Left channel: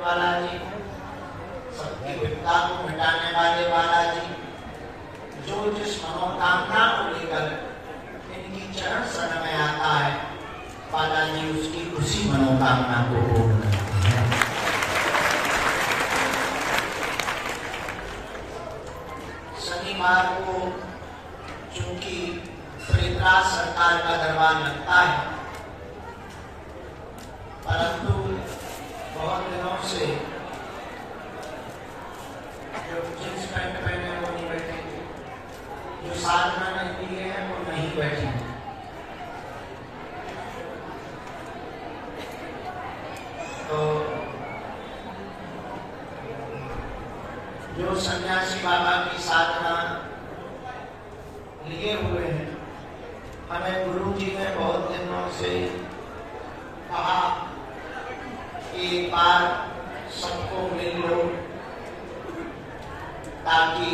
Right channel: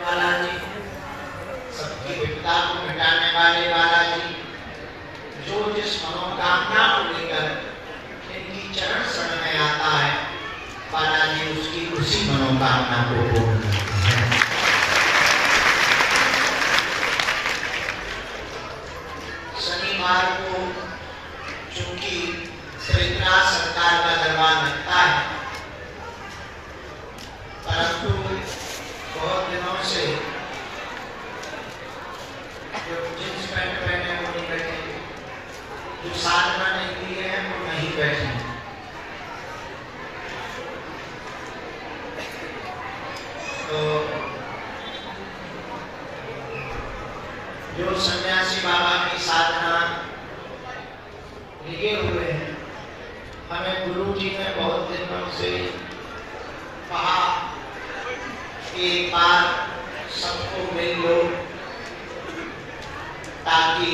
बालाजी, सबकी विपदा को मिटाने वाले बालाजी, जो जिस मनोकामना को लेकर इनकी चरण शरण में आता है, बालाजी उसकी उसी मनोकामना को पूर्ण करते हैं। शनिवार को चूंकि पृथ्वीराज सरकार का दरबार लगता है, परंतु बहुत दिनों से जो जींस पैंट पहने वो नहीं बैठे, जो साधना नहीं की है वो नहीं बैठे। तो जो सन्यासी बाबा की साधना लिए हुए हैं, हमें गुरु जी ने बहुत दिनों से कहा कि एक बार सबको मिल लो ताकि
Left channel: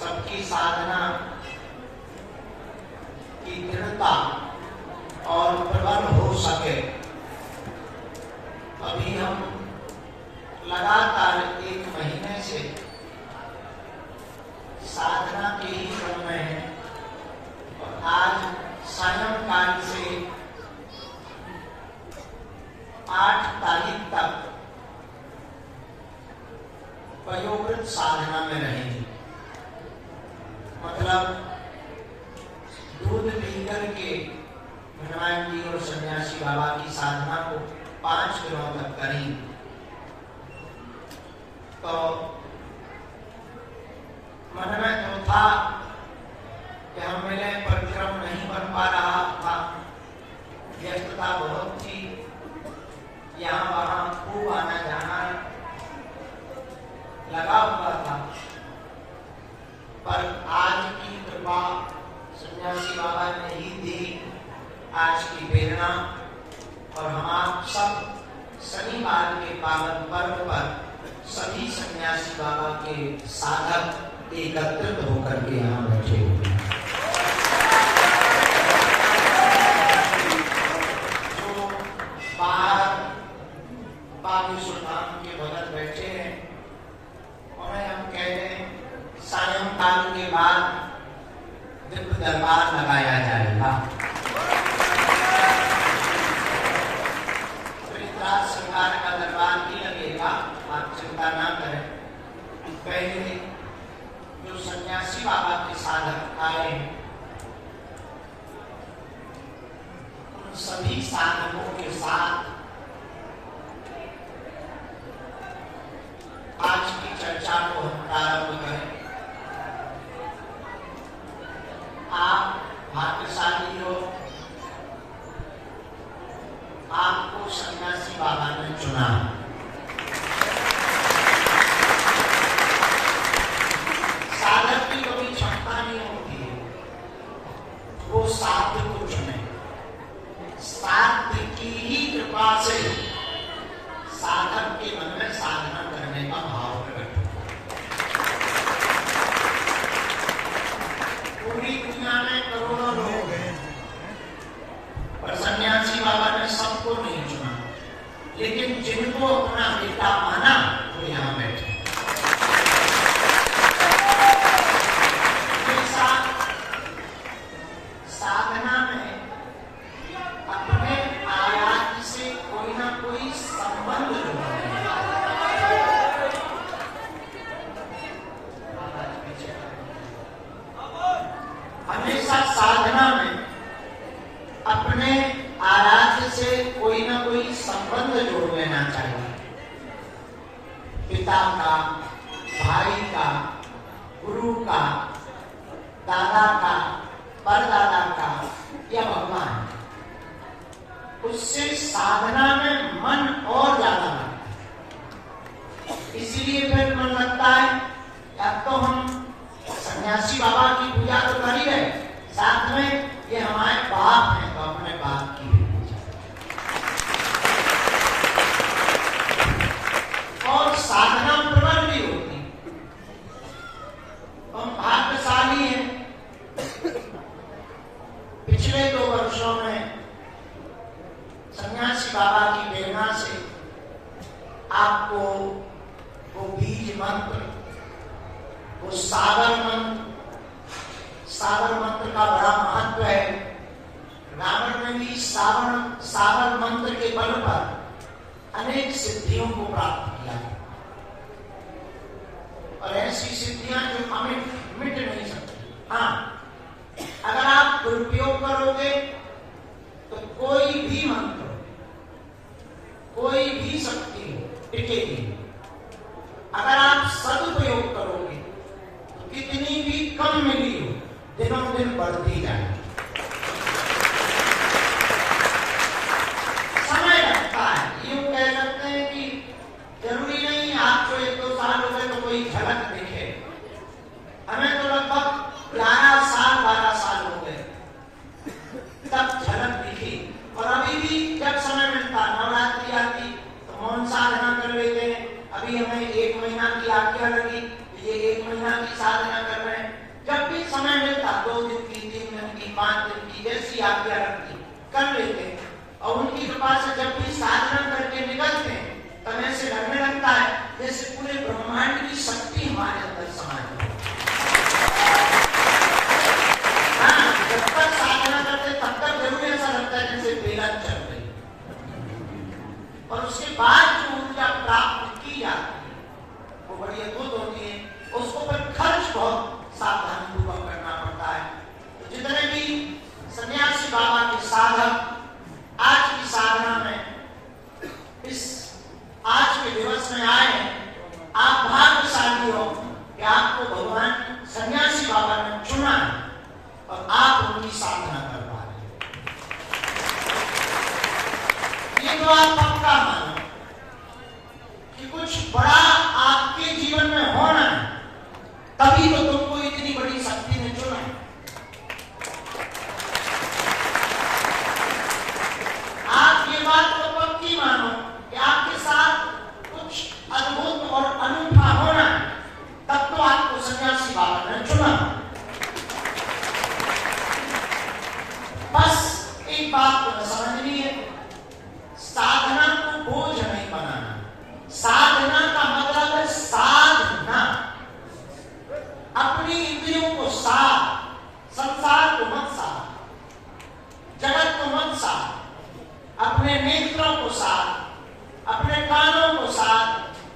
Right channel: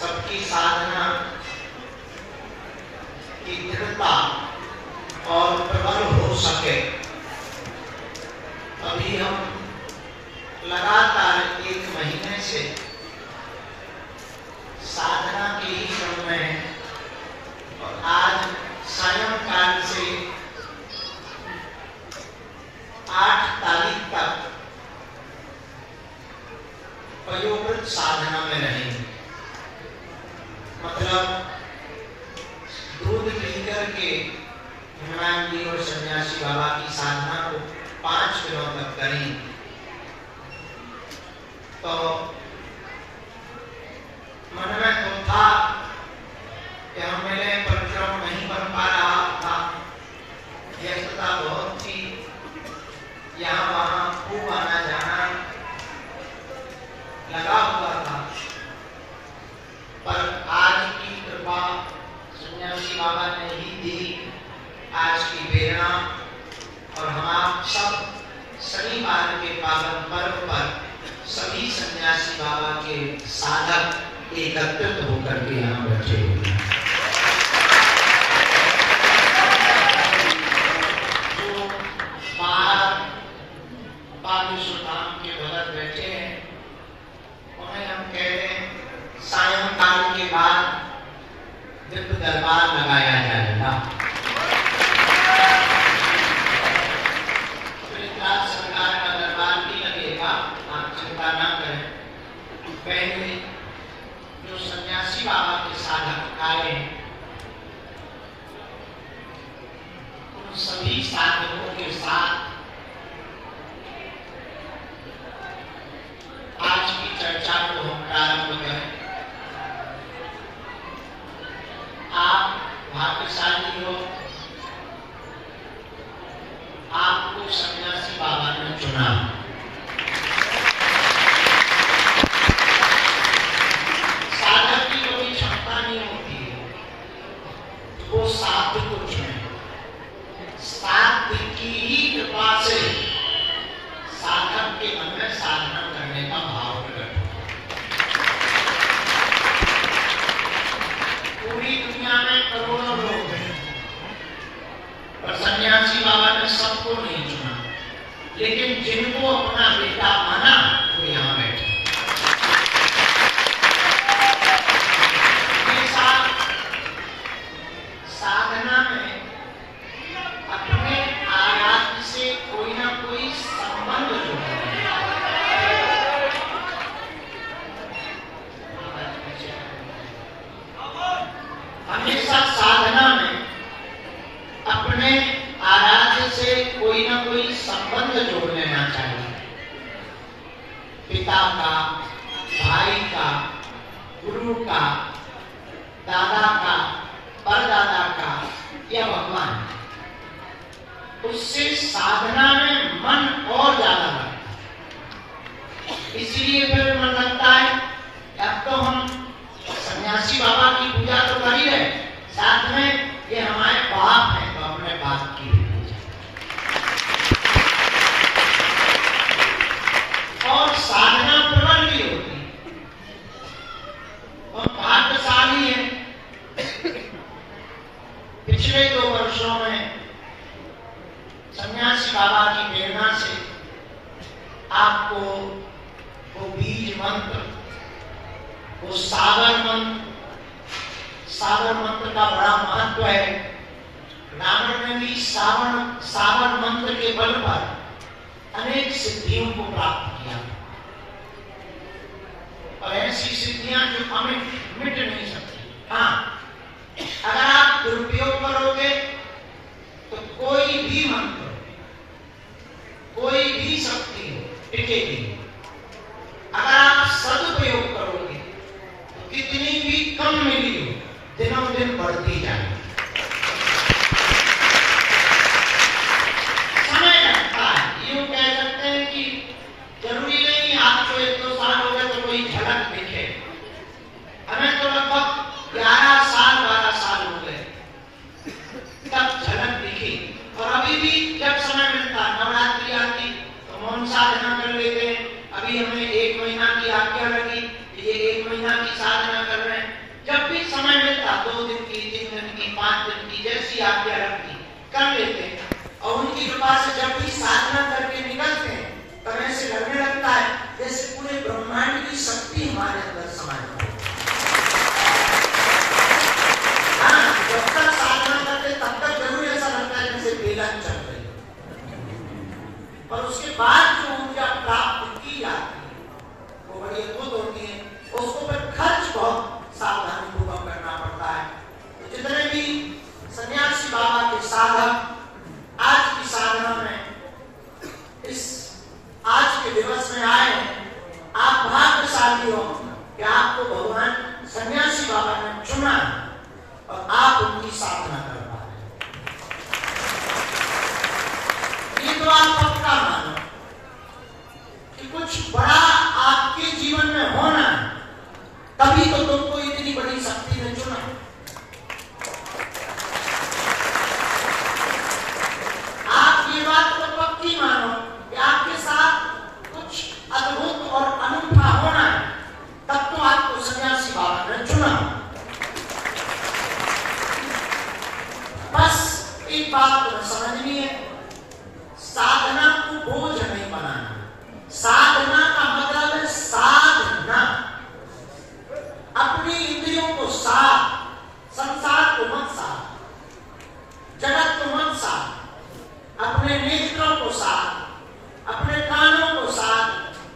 सबकी साधना की दृढ़ता और प्रबल हो सके। अभी हम लगातार 1 महीने से साधना के ही क्रम में हैं और आज सायंकाल से 8 तारीख तक वयोवृद्ध साधना में रहेंगे। मतलब दूध पी करके हनुमान जी और सन्यासी बाबा की साधना को 5 दिनों तक करेंगे। तो मन में तो था कि हम मेरे परिक्रम नहीं कर पा रहा था, व्यस्तता बहुत थी, यहाँ वहाँ खूब आना जाना लगा हुआ था, पर आज की कृपा सन्यासी बाबा ने ही दी, आज की प्रेरणा, और हम आप सब शनिवार के पावन पर्व पर सभी सन्यासी बाबा के साधक एकत्रित होकर के यहाँ बैठे हुए हैं। जो बाहर बाबूसुल्तान के भगत बैठे हैं, उन्हें हम कह रहे हैं सायंकाल के बाद दिव्य दरबार लगाया जाएगा। पृथ्वीराज सरकार का दरबार भी लगेगा, आप चिंता ना करें। पहले जो सन्यासी बाबा के साधक आए हैं, उन सभी साधकों के साथ आज की चर्चा को हम प्रारंभ करें। आप भाग्यशाली हो, आपको सन्यासी बाबा ने चुना। साधक की कोई क्षमता नहीं होती है, वो साध्य को चुने। साध्य की ही कृपा से साधक के मन में साधना करने का भाव प्रकट होता है। पूरी दुनिया में करोड़ों लोग हैं, पर सन्यासी बाबा ने सबको नहीं चुना, लेकिन जिनको अपना बेटा माना वो यहाँ बैठे। साधना में अपने आराध्य से कोई ना कोई संबंध जोड़ना है। हमेशा साधना में अपने आराध्य से कोई ना कोई संबंध जोड़ लेना चाहिए। पिता का, भाई का, गुरु का, दादा का, परदादा का या भगवान, उससे साधना में मन और ज्यादा लगता है। इसीलिए फिर मन लगता है अब तो हम सन्यासी बाबा की पूजा तो कर ही रहे, साथ में ये हमारे बाप हैं तो अपने बाप की भी पूजा। और साधना प्रबल भी होती है, और भाग्यशाली है। पिछले 2 वर्षों में सन्यासी बाबा की प्रेरणा से आपको वो बीज मंत्र, वो सागर मंत्र, सागर मंत्र का बड़ा महत्व है। रावण ने भी सागर मंत्र के बल पर अनेक सिद्धियों को प्राप्त किया, और ऐसी सिद्धियां जो अमिट मिट नहीं सकती। हाँ, अगर आप दुरुपयोग करोगे तो कोई भी मंत्र, कोई भी शक्ति टिकेगी। अगर आप सदुपयोग करोगे तो कितनी भी कम मिली हो, दिनों दिन बढ़ती जाएगी। समय लगता है, यूं कह सकते हैं कि जरूरी नहीं आपको 1-2 साल हो गए तो कोई झलक दिखे। हमें तो लगभग 11 साल 12 साल हो गए तब झलक दिखी, और अभी भी जब समय मिलता, नवरात्रि आती तो मौन साधना कर लेते हैं। अभी हमें 1 महीना की आज्ञा लगी, ये 1 महीना की साधना कर रहे हैं। जब भी समय मिलता, 2 दिन की, 3 दिन की, 5 दिन की, जैसी आज्ञा लगती कर लेते हैं। और उनकी कृपा से जब भी साधना करके निकलते हैं तब ऐसे लगने लगता है जैसे पूरे ब्रह्मांड की शक्ति हमारे अंदर समाई। हाँ, जब तक साधना करते तब तक जरूर ऐसा लगता है जैसे बेलन चल रही, और उसके बाद जो ऊर्जा प्राप्त की जाती है वो बड़ी अद्भुत होती है। उसको पर खर्च बहुत सावधान पूर्वक करना पड़ता है। तो जितने भी सन्यासी बाबा के साधक आज की साधना में, इस आज के दिवस में आए हैं, आप भाग्यशाली हो कि आपको भगवान सन्यासी बाबा ने चुना और आप उनकी साधना कर पा रहे हैं। ये तो आप पक्का मानो कि कुछ बड़ा आपके जीवन में होना, तभी तो तुमको इतनी बड़ी शक्ति ने चुना। आप ये बात तो पक्की मानो कि आपके साथ कुछ अद्भुत और अनूठा होना, तब तो आपको सन्यासी बाबा ने चुना। बस एक बात तो समझनी है, साधना को बोझ नहीं बनाना। साधना का मतलब है साधना, अपनी इंद्रियों को साध, संसार को मत साध, जगत को मत साध, अपने नेत्रों को साध, अपने कानों को साध,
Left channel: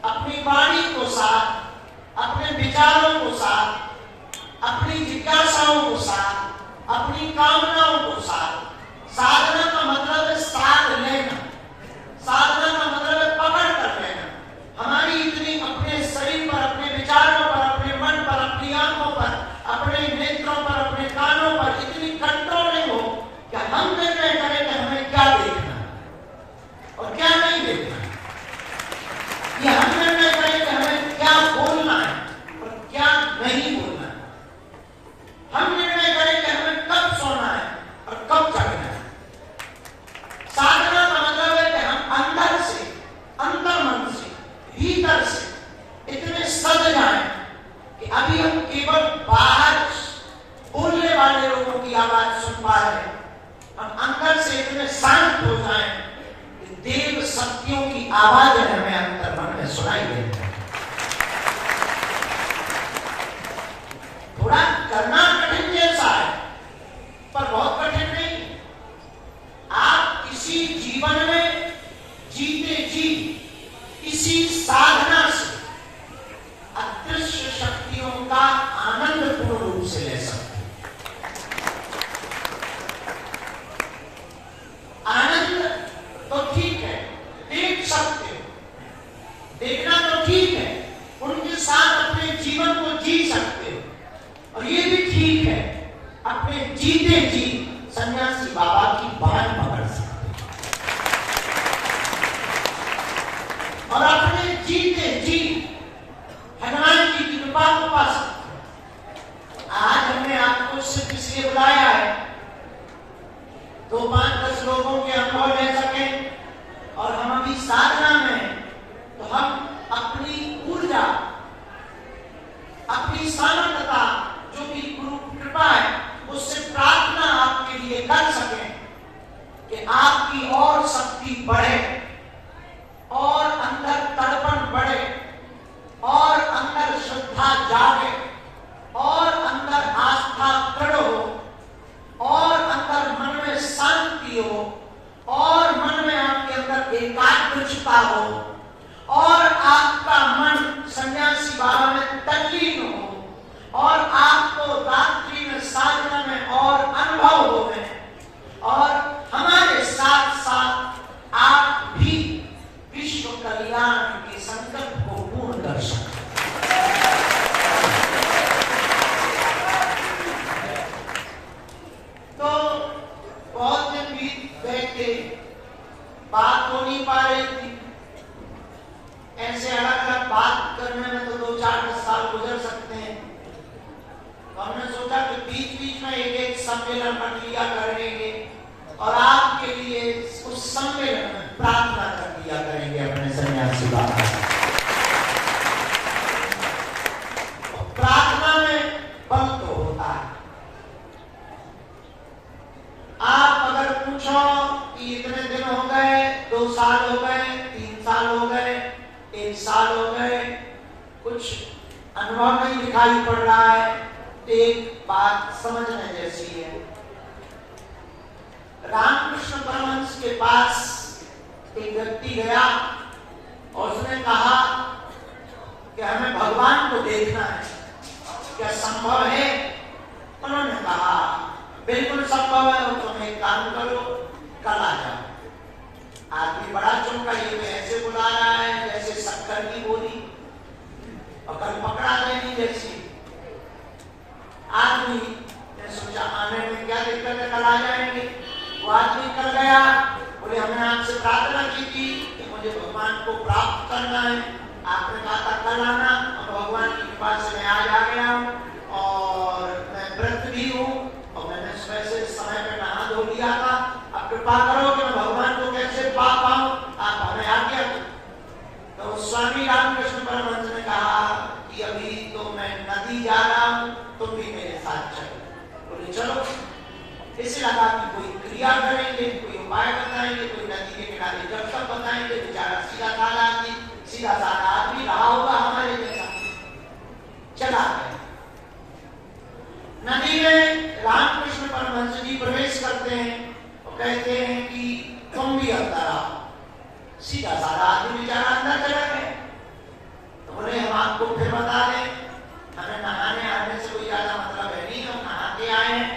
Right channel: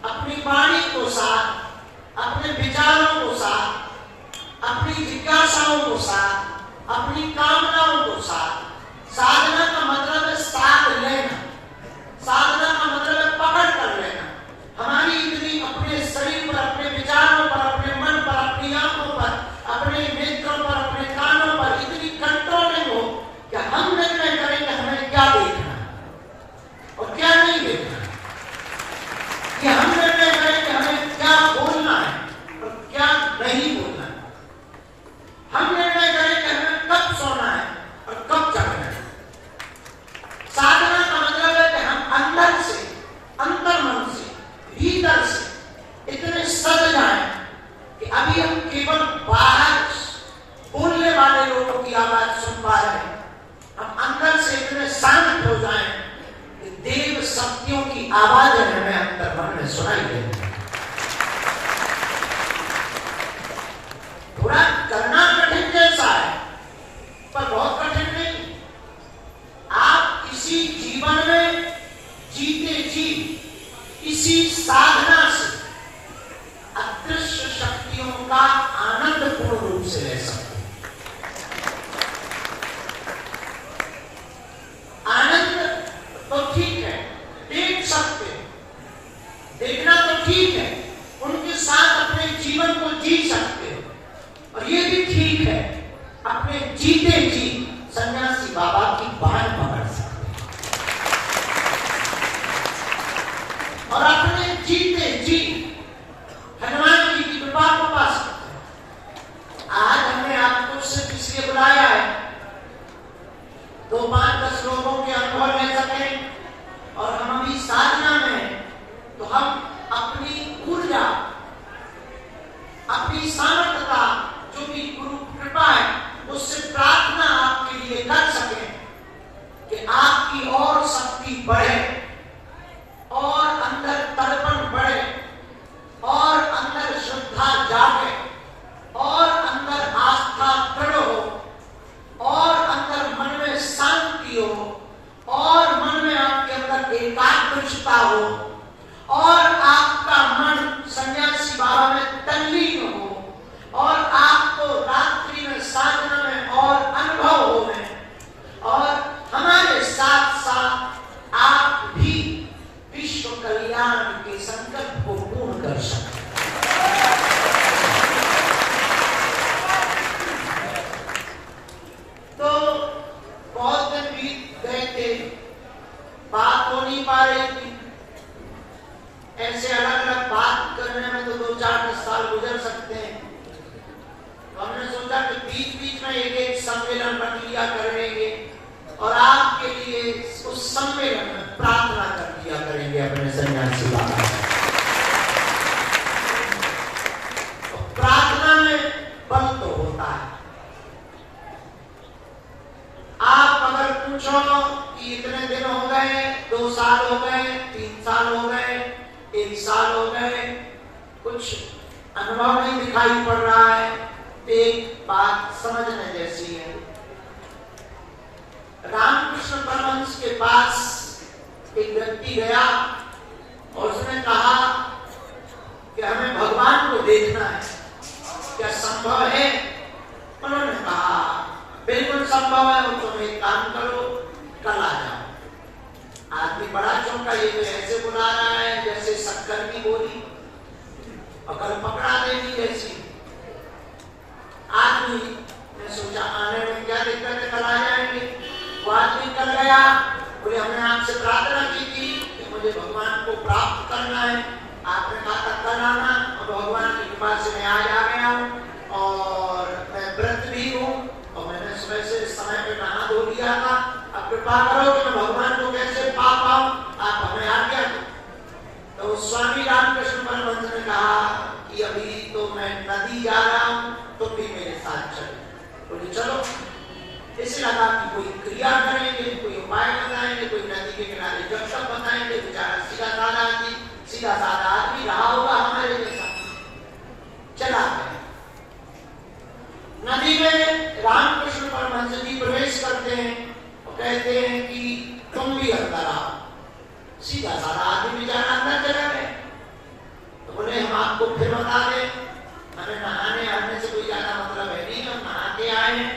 अपनी वाणी को साध, अपने विचारों को साध, अपनी जिज्ञासाओं को साध, अपनी कामनाओं को साध। साधना का मतलब है साध लेना, साधना का मतलब है पकड़ कर लेना। हमारी इतनी अपने शरीर पर, अपने विचारों पर, अपने मन पर, अपनी आंखों पर, अपने नेत्रों पर, अपने कानों पर इतनी कंट्रोलिंग हो कि हम निर्णय करें कि हमें क्या देखना और क्या नहीं देखना। ये हम निर्णय करें कि हमें क्या बोलना है और क्या नहीं बोलना। हम निर्णय करें कि हमें कब सोना है और कब जगना है। साधना का मतलब है कि हम अंदर से, अंतर्मन से, भीतर से इतने सज जाएं कि अभी हम केवल बाहर बोलने वाले लोगों की आवाज सुन पा रहे हैं, हम अंदर से इतने शांत हो जाएं कि देव शक्तियों की आवाज हमें अंतर्मन में सुनाई दे। थोड़ा करना कठिन जैसा है, पर बहुत कठिन नहीं। आप इसी जीवन में जीते जी इसी साधना से अदृश्य शक्तियों का आनंद पूर्ण रूप से ले सकते हैं। आनंद तो ठीक है, देख सकते, देखना तो ठीक है, उनके साथ अपने जीवन को जी सकते, और ये भी ठीक है अपने जीते जी सन्यासी बाबा की बात पकड़ सकते और अपने जीते जी हनुमान जी की कृपा को पा सकते। आज हमने आपको सिर्फ इसलिए बुलाया है 2, 5, 10 लोगों के अनुभव ले सके, और हम अभी साधना में, तो हम अपनी ऊर्जा, अपनी सामर्थ्यता, जो भी गुरु कृपा है, उससे प्रार्थना आपके लिए कर सके कि आपकी और शक्ति बढ़े और अंदर तड़पन बढ़े। ऐसे अलग अलग बात करने में तो 2-4 साल गुजर सकते हैं। तो हमने सोचा कि बीच बीच में एक सम्मेलन रख लिया करेंगे और आपके लिए उस सम्मेलन में प्रार्थना कर लिया करेंगे अपने सन्यासी बाबा। प्रार्थना में बल तो होता है। आप अगर पूछो कि इतने दिन हो गए, 2 साल हो गए, 3 साल हो गए, 1 साल हो गए, कुछ अनुभव नहीं दिखाई पड़ रहा है, एक बात समझने जैसी है। रामकृष्ण परमहंस के पास एक व्यक्ति गया और उसने कहा कि हमें भगवान को देखना है, क्या संभव है? उन्होंने कहा बिल्कुल संभव है, वो तुम एक काम करो, कल आ जाओ। आदमी बड़ा चौंका, ये तो ऐसे बुला रहा है जैसे शक्कर की गोली अगर पकड़ा देनी जैसी। आदमी ने सोचा आने में क्या दिक्कत है, कल आ जाएंगे। वो आदमी कल गया, बोले हमने आपसे प्रार्थना की थी कि मुझे भगवान को प्राप्त करना है, आपने कहा था कल आना, और भगवान की कृपा से मैं आज आ गया हूँ और मैं व्रत भी हूँ और मैंने सुबह से समय पे नहा धो लिया था। अब कृपा करो कि मैं भगवान को कैसे पा पाऊं, आप हमें आज्ञा दो। तो स्वामी रामकृष्ण परमहंस ने कहा कि अभी तो मैं नदी जा रहा हूँ, तुम भी मेरे साथ चलो। बोले चलो। इसे लगा कि कोई क्रिया करेंगे, कोई उपाय बताएंगे, कोई नदी के किनारे जब तक बताएंगे, बेचारा सीधा साधा आदमी रहा होगा हमारे जैसा। चला गया नदी में। रामकृष्ण परमहंस जी प्रवेश करते हैं और कहते हैं कि तुम भी अंदर आओ। सीधा साधा आदमी बेचारा अंदर चला गया। तो बोले हम आपको फिर बता दें, हमें नहाने आने से कोई ज्यादा मतलब है नहीं, हम नहा के आए हैं।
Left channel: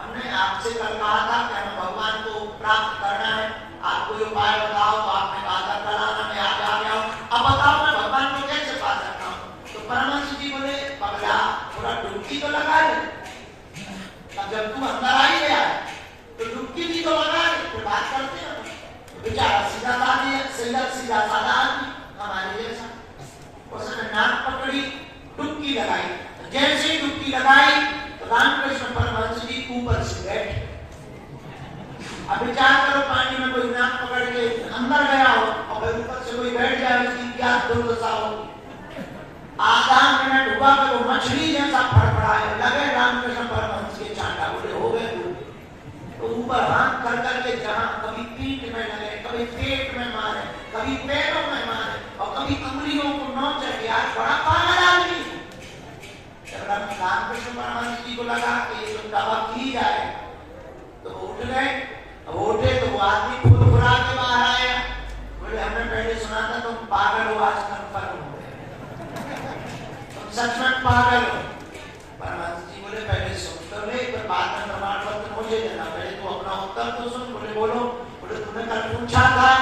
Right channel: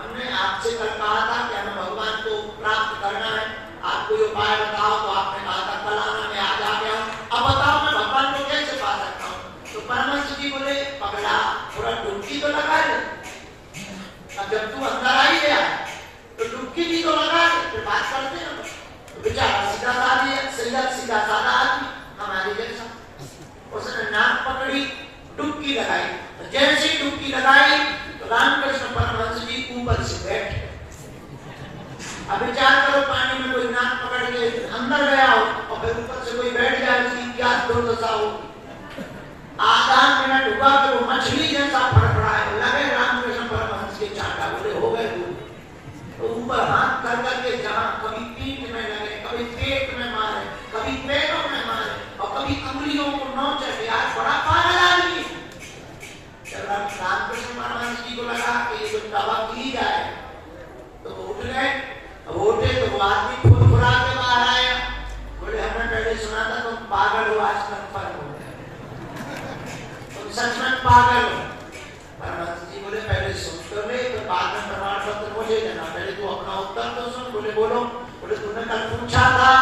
हमने आपसे कल कहा था कि हमें भगवान को प्राप्त करना है, आप कोई उपाय बताओ। तो आपने कहा था कल आना, मैं आज आ गया हूँ, अब बताओ मैं भगवान को कैसे पा सकता हूँ। तो परमहंस जी बोले पगला, थोड़ा डुबकी तो लगा ले। अब जब तू अंदर आ ही गया तो डुबकी भी तो लगा ले, फिर बात करते हैं। तो बेचारा सीधा साधा आदमी हमारे जैसा, उसने नाक पकड़ी, डुबकी लगाई। तो जैसे ही डुबकी लगाई तो रामकृष्ण परमहंस जी ऊपर से बैठे। अब विचार करो, पानी में कोई नाक पकड़ के अंदर गया हो और फिर ऊपर से कोई बैठ जाए, उसकी क्या दुर्दशा होगी। आधा मिनट हुआ कि वो मछली जैसा फड़फड़ाए लगे रामकृष्ण परमहंस के चांटा। बोले हो गए। वो ऊपर हाथ कर करके जहां कभी पीठ में लगे, कभी पेट में मारे, कभी पैरों में मारे और कभी उंगलियों को नोचे। यार बड़ा पागल आदमी। जब रामकृष्ण परमहंस जी को लगा कि ये दवा की जाए तो उठ गए। उठे तो वो आदमी फुरफुरा के बाहर आया। बोले हमने पहले सुना था तुम पागल हो, आज कन्फर्म हो गए, तुम सच में पागल हो। परमहंस जी बोले पहले सुन तो ले, तो बाद में प्रमाण पत्र मुझे देना, पहले तू अपना उत्तर तो सुन। बोले बोलो। बोले तुमने कल पूछा था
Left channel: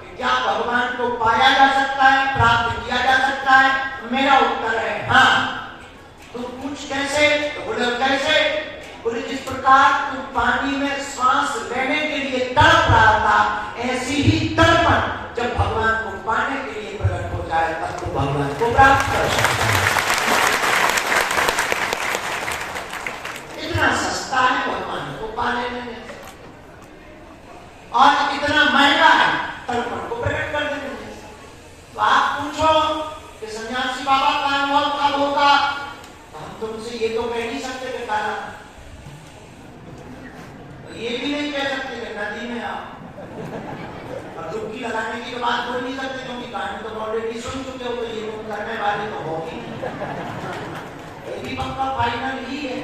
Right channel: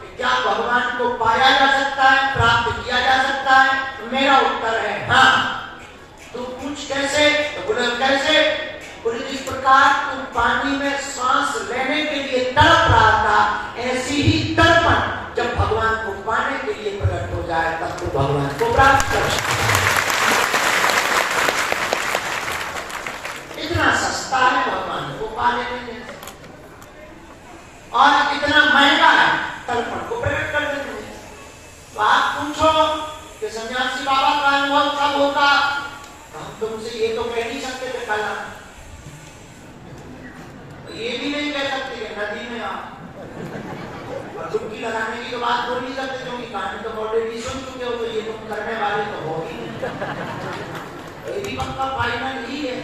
कि क्या भगवान को पाया जा सकता है, प्राप्त किया जा सकता है? मेरा उत्तर है हाँ। तो पूछ कैसे? तो बोले कैसे? बोले जिस प्रकार तुम पानी में सांस लेने के लिए तड़प रहा था, ऐसी ही तड़पन जब भगवान को पाने के लिए प्रकट हो जाए तब तो भगवान को प्राप्त कर सकते। इतना सस्ता है भगवान को पा लेने में और इतना महंगा है तड़पन को प्रकट कर देने में। तो आप पूछो कि सन्यासी बाबा का अनुभव कब होगा, हम तुमसे ये तो कह नहीं सकते कि काला, ये भी नहीं कह सकते कि नदी में आप डुबकी लगाने की तो बात बोल नहीं सकते, क्योंकि कहानी तो ऑलरेडी सुन चुके हो, तो ये तुम करने वाले तो हो ही नहीं। ये भी पक्का फाइनल ही है।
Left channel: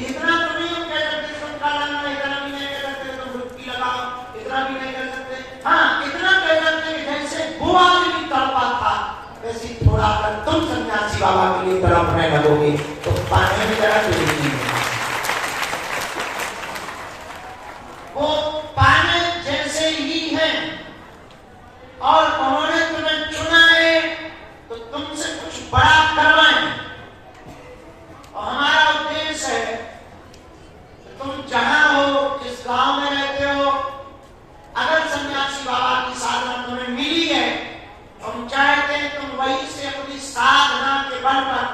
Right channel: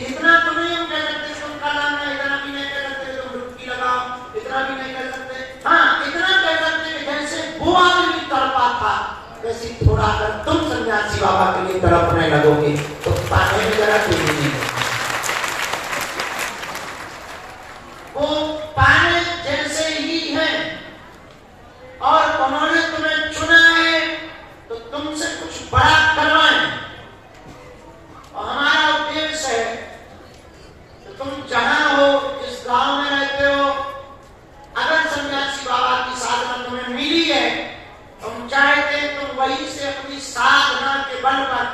इतना तो नहीं हम कह सकते तुम कराना, इतना भी नहीं कह सकते तुम डुबकी लगाओ, इतना भी नहीं कह सकते। हाँ इतना कह सकते कि जैसे बुआ में भी तड़पा था, वैसे थोड़ा अगर तुम सन्यासी बाबा के लिए तड़पने लगोगे तो पाने में जरा दूर नहीं है। वो पाने जैसे ही हैं और उन्होंने तुम्हें चुना है तो तुमसे कुछ बड़ा करवाएं। और हमारा उद्देश्य है कि तुम जहां हो, जिस गांव में रहते हो, अगर सन्यासी बाबा की साधना तुम्हें मिली है, तुम चाहते तुम तुम वहीं से अपनी साधना के बल पर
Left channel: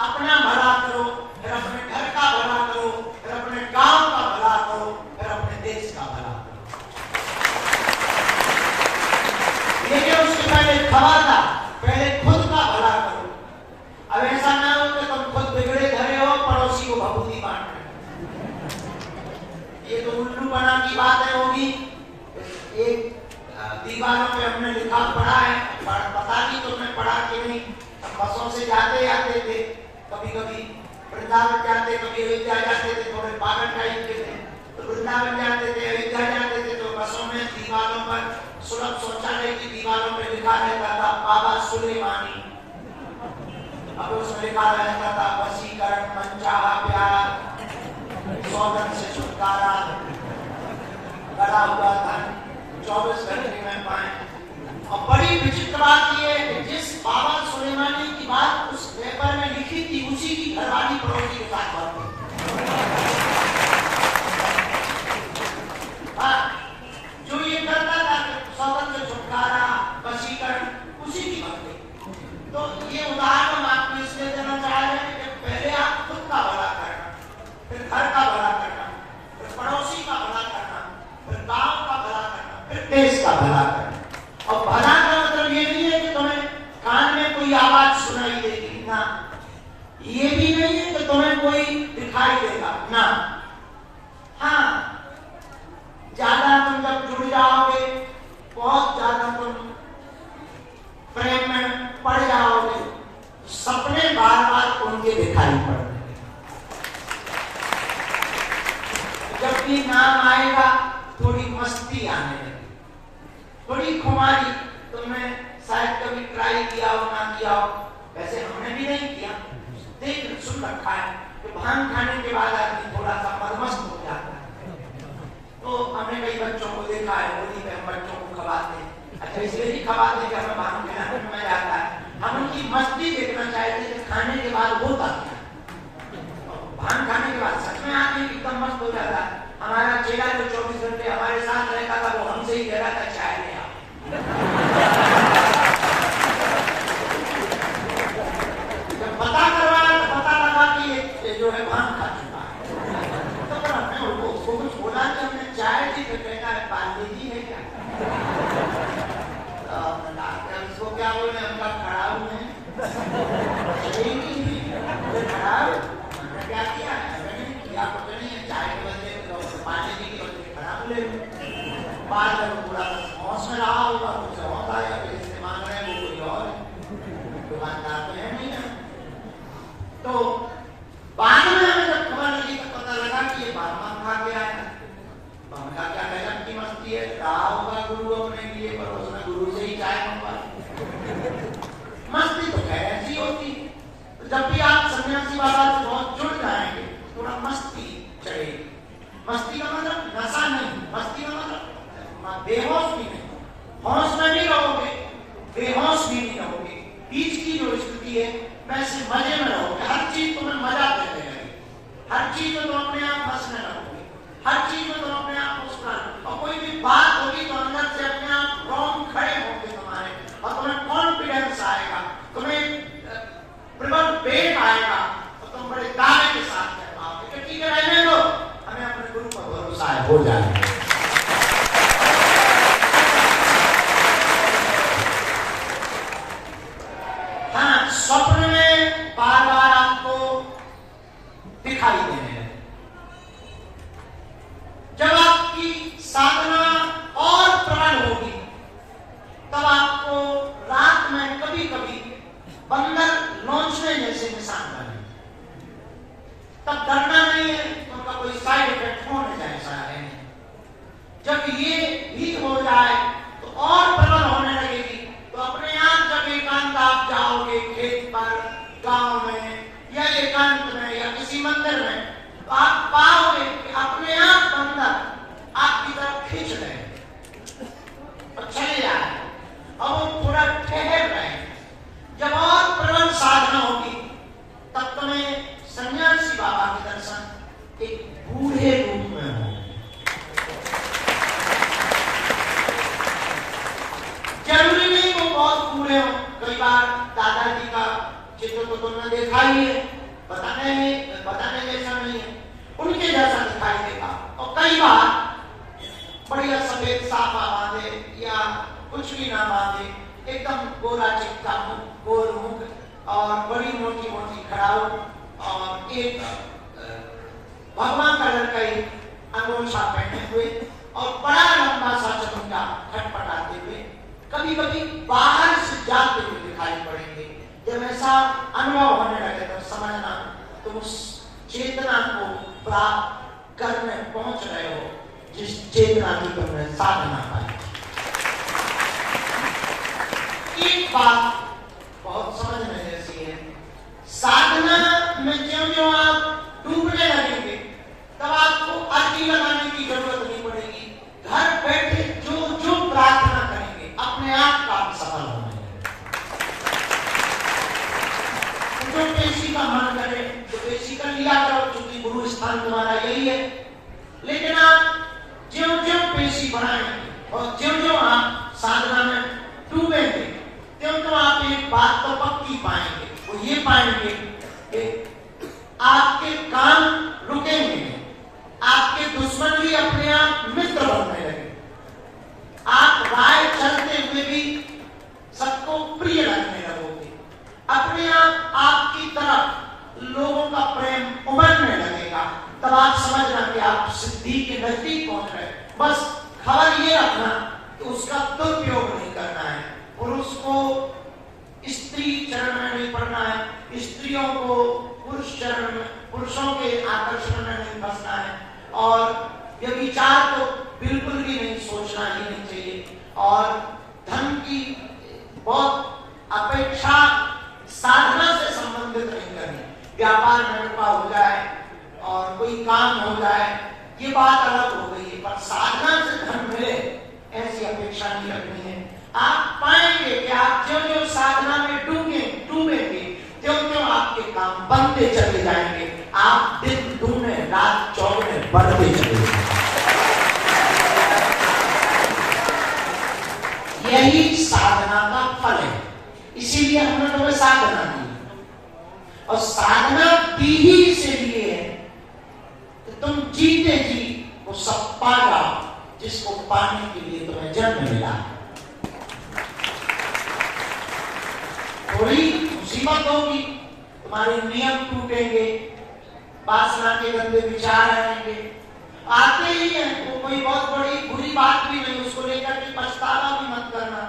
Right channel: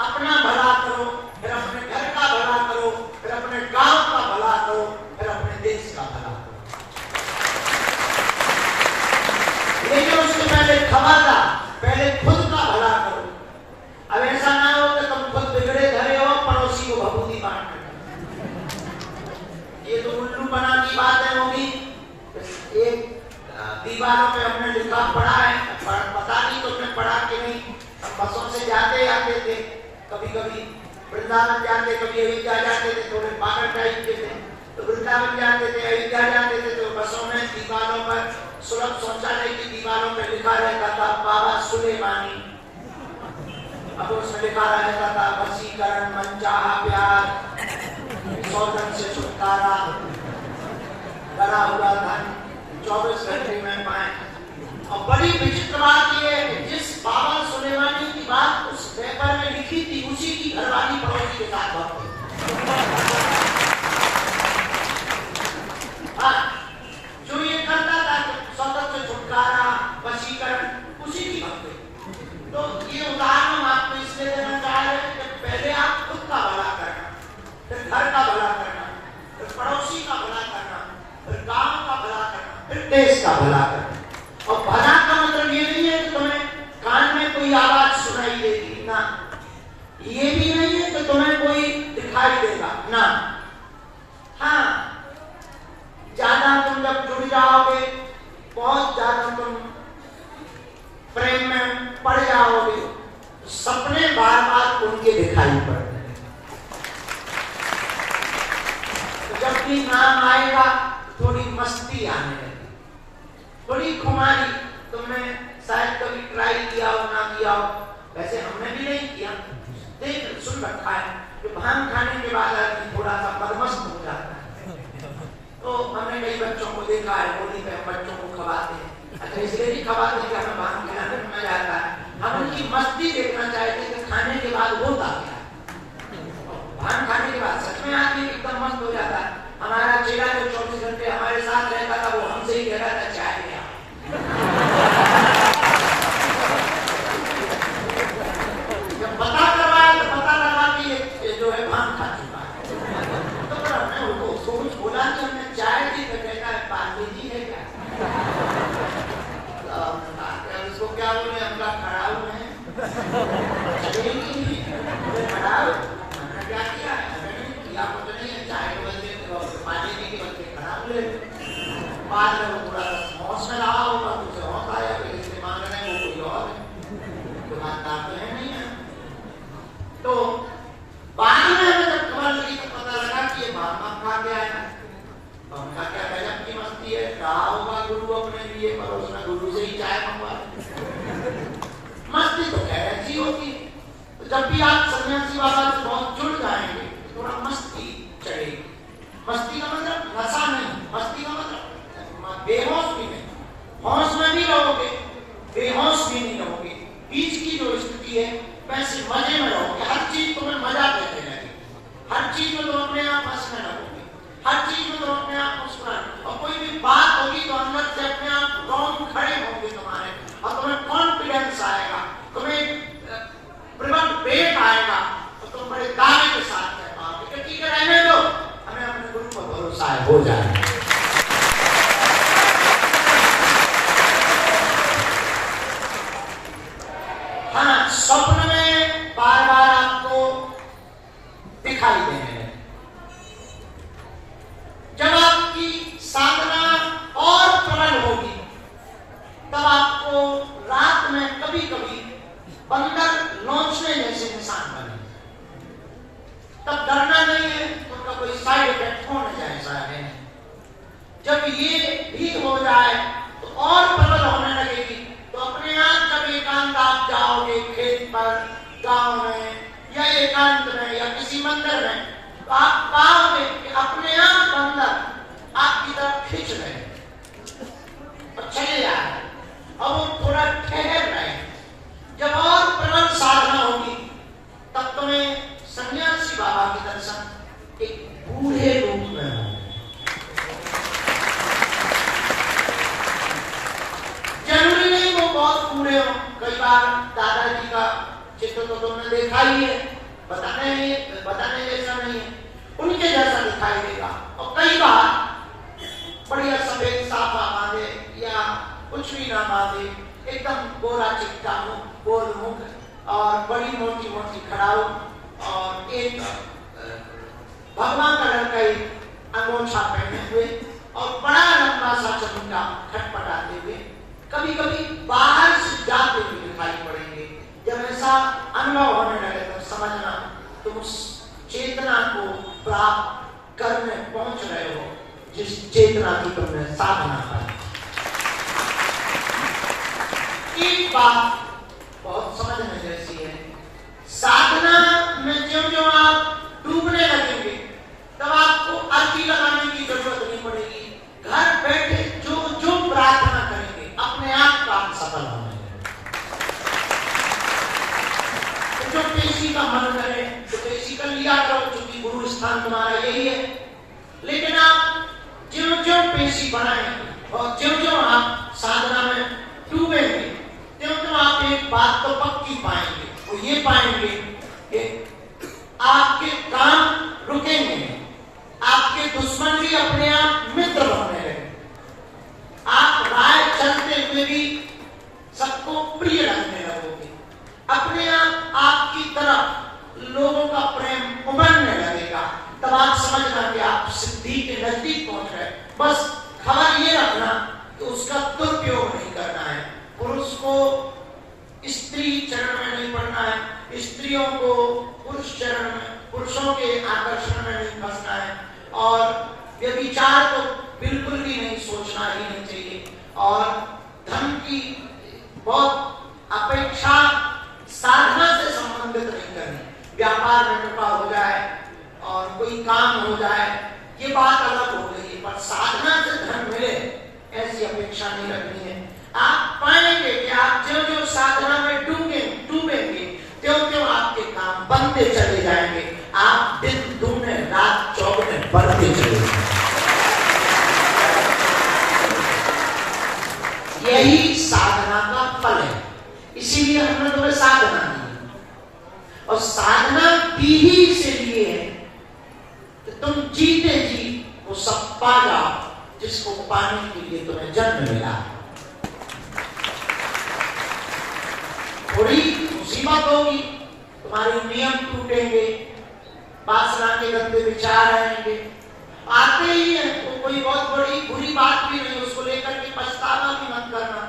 अपना भला करो, फिर अपने घर का भला करो, फिर अपने गांव का भला करो, फिर अपने देश का भला करो। लेकिन उसके पहले खबरदार, पहले खुद का भला करो। अब ऐसा ना हो कि तुम खुद बिगड़े धरे हो, पड़ोसी को भभूति बांट रहे। ये तो उल्लू बना की बात है होगी। एक दीवारों पे हमने लिखा पढ़ा है, पता नहीं तुमने पढ़ा कि नहीं। बसों से जाते आते थे, कभी कभी वृंदावन जाते, कभी अयोध्या जाते थे, थोड़े पागल टाइप के थे, तो वृंदावन जाते थे, अयोध्या जाते थे, तो बसों में दीवारों पर, सुलभ शौचालय की दीवारों पर लिखा रहता था बाबा सुलेमानी। अब उसमें लिखा रहता था वशीकरण, मनचाहा प्यार, सौगंध से छुटकारा, गड़ा हुआ धन 24 घंटे में पाए। और बड़ी विचित्र बात यह है कि जिस बाबा सुलेमानी की बात उस पेपर में लिखी थी, उसी की घरवाली पड़ोसी के साथ बात थी। जो ये करता था सौगंध से छुटकारा, वशीकरण, उसी की बात थी। तो ये उदाहरण हम आपको इसलिए देना चाह रहे हैं कि पहले आप खुद का भला करना, फिर घर का भला करना, फिर पड़ोसी का भला करना, फिर गांव का भला करना, फिर देश का भला करना। और भला का मतलब ये नहीं है कि तुम्हें कान में कोई आवाज सुनाई देगी ना, ये भी नहीं है कि तुम्हें कोई दिखाई देगा ना। हाँ, ज्यादा तुम जब जुड़ जाओगे, बहुत ज्यादा तुम प्रेम में पड़ जाओगे, सपने बार बार उनके दिखाई पड़ते हैं। जब भी नाम आएगा थोड़ी मस्ती आने लगी, थोड़ी खुमारी। तुमने शायद कभी ट्राई किया हो, ना किया हो, वैसे हमने भी नहीं किया, देख सुन रखा है कि भांग खाने के बाद आदमी थोड़ा सा मदमस्त हो जाता है। तो हमने कई बच्चों को देखा है, होली पे हम बच्चों को खवाते हैं। अच्छा, इसलिए भी खवाते कि हमें भांग खाने में मजा आता है। हम उनकी मस्ती देखना चाहते हैं कि खाने के बाद होता क्या। भांग खाने के बाद सच में आदमी एकदम मस्त हो जाता है। हमारा चेला जो 24 घंटे हमारे साथ रहता था, वो हमसे ही कहता था चाय ले आओ। जब पता करवाया तो पता लगा कि ये जो है भांग खा चुका है। तो पर हमने उसको कुछ बोला तो हमने चाय दी, तो कहता है पानी जी है क्या। उसको क्या बोले, हम लोग खड़ा हुए हैं, खड़ा हमने क्या किया है, नहीं है चाय के बदले पानी नहीं के बदले खराब ले। बाद में थोड़ा हौस में रहा होगा, तो उसे हौस आया कि जिससे मांग रहे हैं वो कोई और है, दुकानदार तो है नहीं है। तो बाद में हमें जब खबर लगी तो पता लगा कि ये भामा खा के आया है। तो हमने कहा क्या गजब की मस्ती है, रहा होगा गुरु अपने लिए, पर उसने गुरु से ही चाय मंगवा। मस्ती तो खैर ऐसी होती है। तो जब भी आप सन्यासी बाबा से बहुत जुड़ जाएंगे, थोड़ा मस्ती चढ़ेगी। मस्ती का मतलब नशा नहीं, मस्ती का मतलब बेहोश भी नहीं, होश में भी रहोगे, बेहोश भी नहीं रहोगे, बीच की जो स्थिति है वैसे मजे में रहोगे। हर चीज तुम्हें मजा देने लगेगी, हर चीज में तुम अपने आप हंसने लगोगे, हर चीज में तुम अपने आप मुस्कुराओगे, और कोई भी बात होगी तो अंदर से अपने आप दौड़ खड़े होंगे तुम्हारे, और तुम्हें कॉन्फिडेंस आएगा, तुम्हें प्रबल वेग आएगा, तो तुम बड़े दावे के साथ कह पाओगे कि ठीक है रहने दो, हमें अपने गुरु पर भरोसा है, हो जाएगा। हाँ, स्वप्न में बार बार आपको दिखाई देने लगे। जब आपकी साधना और प्रबल होगी, तब आपको रात में कभी कभी बंदर नोचने जैसे निशान बने, तब डरना नहीं है, उनका कोई साइड इफेक्ट होने जाए ऐसा है नहीं। जब ये भी हो जाए तो और प्रबल होने लगेगी, तो अपने आप जब एकांत आप जाओगे खेत पर, गांव में या एकांत में या किसी मंदिर में, तो आप पाओगे कि अपने आप बंदर आपकी तरफ खींच रहे हैं, तो चले जाए और वो थोड़ा ठहर रहे। जब और प्रबल साधना होगी, तब तुम्हें सन्यासी बाबा के दर्शन एक बूढ़े रूप में होंगे। तुमने देखा ही है, बताने जैसा नहीं है, उनके जैसा दिखाई देगा। और कई बार बढ़िया सफेद साफा बांधे या कुछ भी ना बांधे, एकदम गोरा चिट्टा मुख, गोल मुख और बड़ी मोटी मोटी खड़ाऊ और एक भगवान कलर का अंगोछा पहने हुए और बड़ा लंबा सा चमुंडा खटपटाते हुए कभी कभी बाहर से जाते हुए दिखाई पड़ेंगे। जब ऐसा अनुभव होने लगे तो समझना तुम उस चेतना को प्राप्त करने पहुंच रहे हो जिस चेतना की तुमने साधना पाई। एक बात बहुत समझने जैसी है, साधना में ज्यों ज्यों आप डूबने लगेंगे तब आपको अर्जी लगाने की जरूरत नहीं पड़ेगी। घर बैठे जो जो प्रार्थना करेंगे अपने आप काम सफल होने लगेगा। जो किसी का मन करे तो किसी का लिया करो, क्योंकि गुरु स्थान तुम्हारा यही है। लेकिन आप ज्यों ज्यों पेशी बढ़ाएंगे और ज्यों ज्यों आप साधना में डूबेंगे त्यों त्यों आप एक बात तो पक्की पाएंगे, वो ये पाएंगे कि आपके काम रुकेंगे, आपके दुश्मन भी अपने आप मित्र बनने लगे, आप राह चलते हुए भी सबको प्रिय लगने लगोगे, अपने आप आपकी तरफ लोगों का प्रेम उमड़ने लगेगा। तब आप समझना कि आप सिद्धि के नजदीक पहुंच रहे। बस खबर ये रखना कि उसका दुरुपयोग नहीं करना है। पुरुष को स्त्री चरण में नहीं पड़ना है, स्त्रियों को पुरुष चरण में, पुरुषों के आकर्षण में नहीं फंसना है, और व्यभिचार तो बिल्कुल भी नहीं सोचना ही नहीं चाहिए। और धन की बहुत अपेक्षा साधना से संबंधित नहीं करनी। व्यापार में कृपा हो जाए और कोई काम हो जाए ये बात अलग हो गई है, पर साधना से धन मिले ऐसी अपेक्षा नहीं रखनी है। आप पाएंगे कि आप जो जो साधना में डूबेंगे त्यों त्यों आपके काम बनते चले जाएंगे, आप दिन दूने रात चौगुने बढ़ते चले जाएंगे। यही साधना का फल है, इसीलिए हमने तुम्हें साधना दी। और साधना दी ही इसलिए है कि तुम जीते जी वो सब पा जाओ जिसको पाने के लिए तुम्हें जन्म मिला। थोड़ी मुसीबत होगी, तुम्हारे नियम टूटेंगे, वासना के गंदे विचार आएंगे, आते ही है तो कोई बहुत बड़ी बुरी बात भी नहीं, उसको लेकर के पछतावा भी मत करना।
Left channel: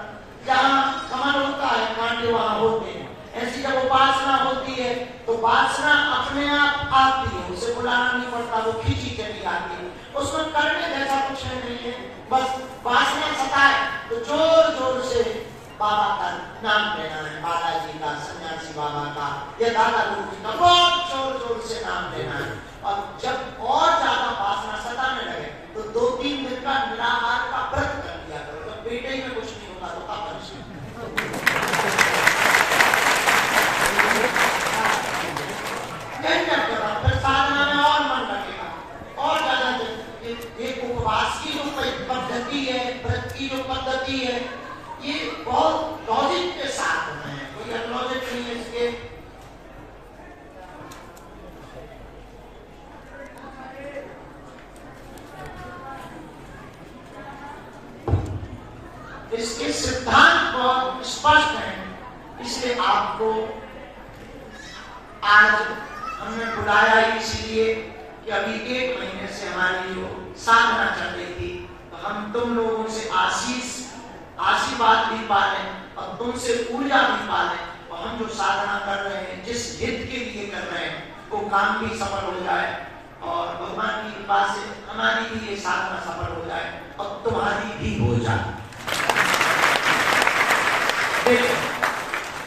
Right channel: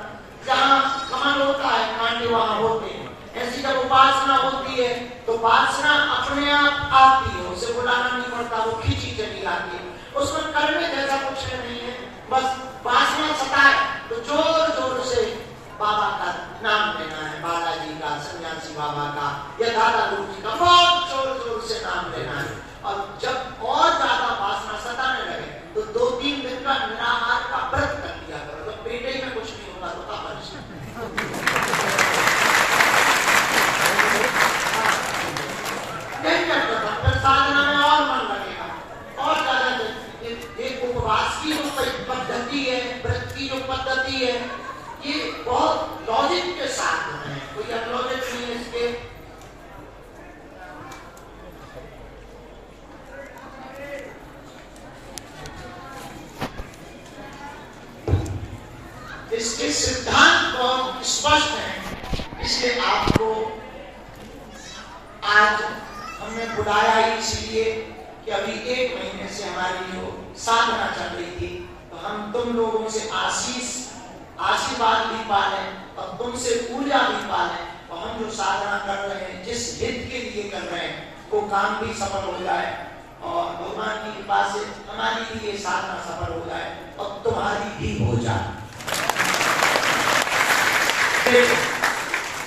जहाँ कमल होता है कांटे वहां होते हैं। ऐसी जब उपासना होती है तो वासना अपने आप आती है, उसे बुलाना नहीं पड़ता, वो खींची चली आती है। उसमें करने जैसा कुछ नहीं है, बस वासना सताए तो जोर जोर से बाबा का नाम लेना है, बालाजी का, सन्यासी बाबा का या दादा गुरु जी का, बहुत जोर जोर से नाम लेना है। और जब और ज्यादा वासना सताने लगे तो 2-3 दिन का निराहार का व्रत कर लिया करो। तो पेटे में कुछ नहीं होगा, रोका परेशान फिर साधना में और मन लगेगा और ज्यादा। एक उपवास की जो पद्धति है, व्रत की जो पद्धति है, ये बहुत लॉजिक के साथ होना है, कोई अनलॉजिक नहीं है इसके। इसके सिद्धांत बहुत स्पष्ट हैं, इसलिए आपको आज हमने बुलाया ही इसलिए कि अभी 1 महीने से हमारी जो साधना चल रही थी तो हम तुम लोगों से आशीर्वाद भी पाले और तुमसे ऊर्जा भी पाले, और हम जो साधना कर रहे हैं, जिस हित के लिए कर रहे हैं, वो काम भी सफल हो जाए और भगवान की कृपा से हमारी भी ये साधना सफल हो जाए और तुम्हारी भी हो जाए।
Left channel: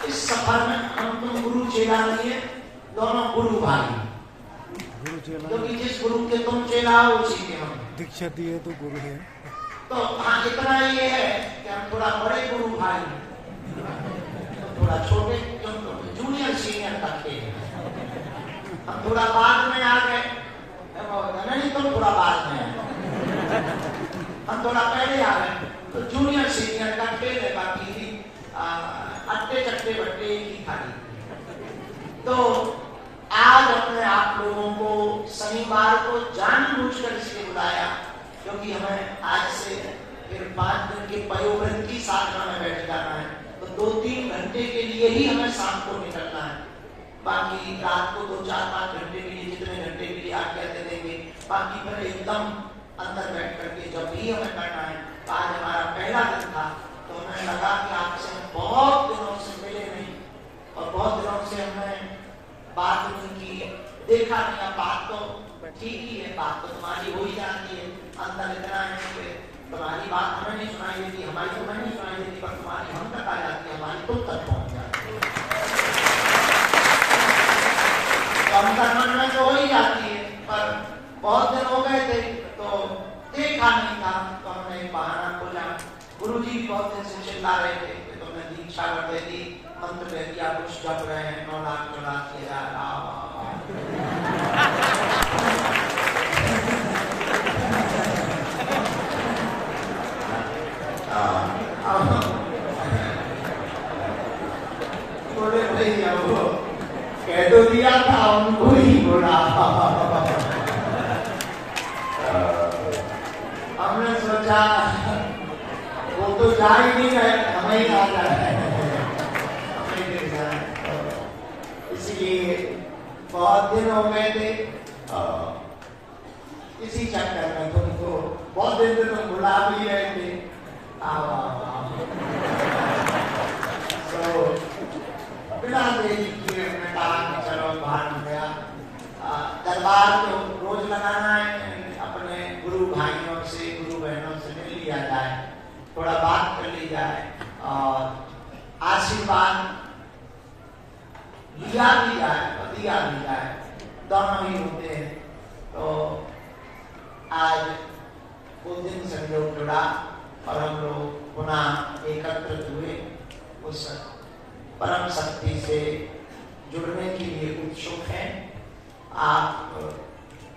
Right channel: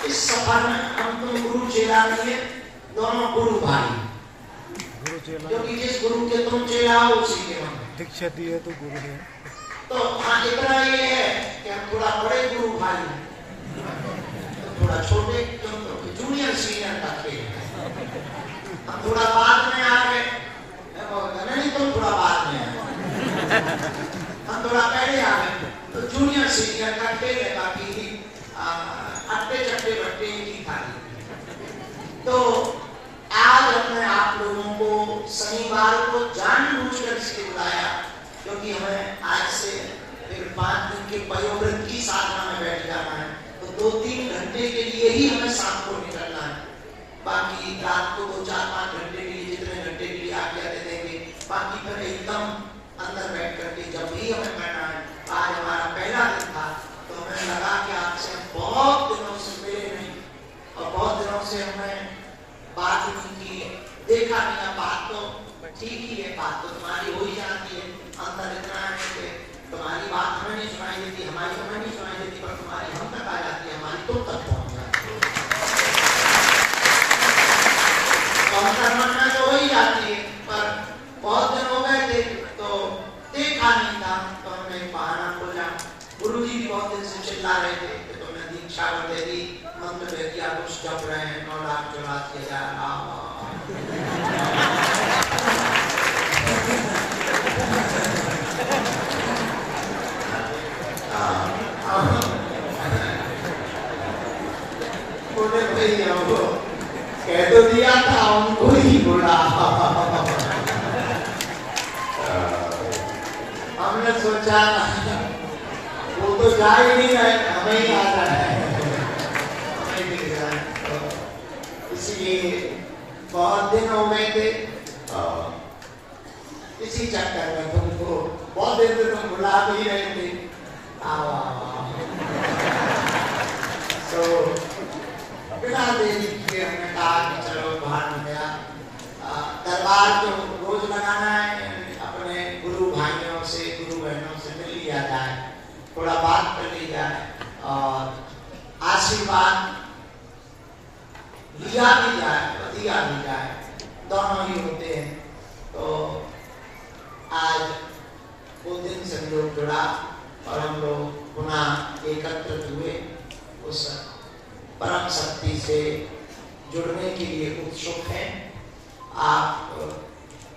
इस सफर में हम तुम गुरु चेला नहीं है, दोनों गुरु भाई, क्योंकि जिस गुरु के तुम चेला हो उसी के हम दीक्षा दी है तो गुरु है। तो हाँ, इतना ये है कि हम थोड़ा बड़े गुरु भाई हैं, तो थोड़ा छोटे जूनियर सीनियर का खेल है। हम थोड़ा बाद में आ गए, नहीं तो थोड़ा बाद में आए, हम थोड़ा पहले आ गए, तो जूनियर सीनियर का खेल है। बाकी अट्टे चट्टे बट्टे ही खाली क्योंकि हमें आज से फिर 5 दिन के पयोव्रत की साधना में बैठ जाना है, तो 2-3 घंटे के लिए ही हमें शाम को निकलना है। बाकी रात को 2-4-5 घंटे के लिए, जितने घंटे के लिए आज्ञा दे देंगे, बाकी पर एकदम अंदर बैठ करके जब भी हमें करना है। आज हमारा पहला दिन था, तो हमें लगा कि आपसे हम बहुत दिनों से मिले नहीं और बहुत दिनों से हमने बात नहीं की, देखा नहीं। बात तो ठीक ही है, बात तो तुम्हारी हो ही जाती है, अंदर इतना है कि तुम्हारी बात हमें नहीं सुनाई देती, हमारी हमें नहीं सुनाई देती, पर तुम्हारी हम तक आ जाती है, हमारी तुम तक पहुंच जाती है। अंदर मन में तो हो ही जाती है, पर बहुत दिन हो गए थे तो देखा नहीं था, तो हमने एक बहाना खोला। गुरुजी भी बहुत दिन से चिल्ला रहे थे कि तुमने दीक्षा दे दी, मंत्र दे दिया, कुछ जप रहे हैं, 9 लाख 84,000 कह तो दिया था, उनको ही बोला। हमने सोचा वो तो जा ही नहीं रहे, हमें ही आ रहा है, हमें दिख रहा है। इसलिए बहुत दिन हो गए थे, इसी चक्कर में तुमको बहुत दिन से तुम बुला भी रहे थे। तो बिना देरी किए हमने कहा कि चलो बाहर गया। दरबार तो रोज लगाना है, अपने गुरु भाइयों से, गुरु बहनों से मिल लिया जाए, थोड़ा बात कर ली जाए और आशीर्वाद लिया भी जाए, दिया भी जाए, दोनों ही होते हैं। तो आज वो दिन संयोग जुड़ा और हम लोग पुनः एकत्रित हुए, उस परम शक्ति से जुड़ने के लिए उत्सुक हैं। आप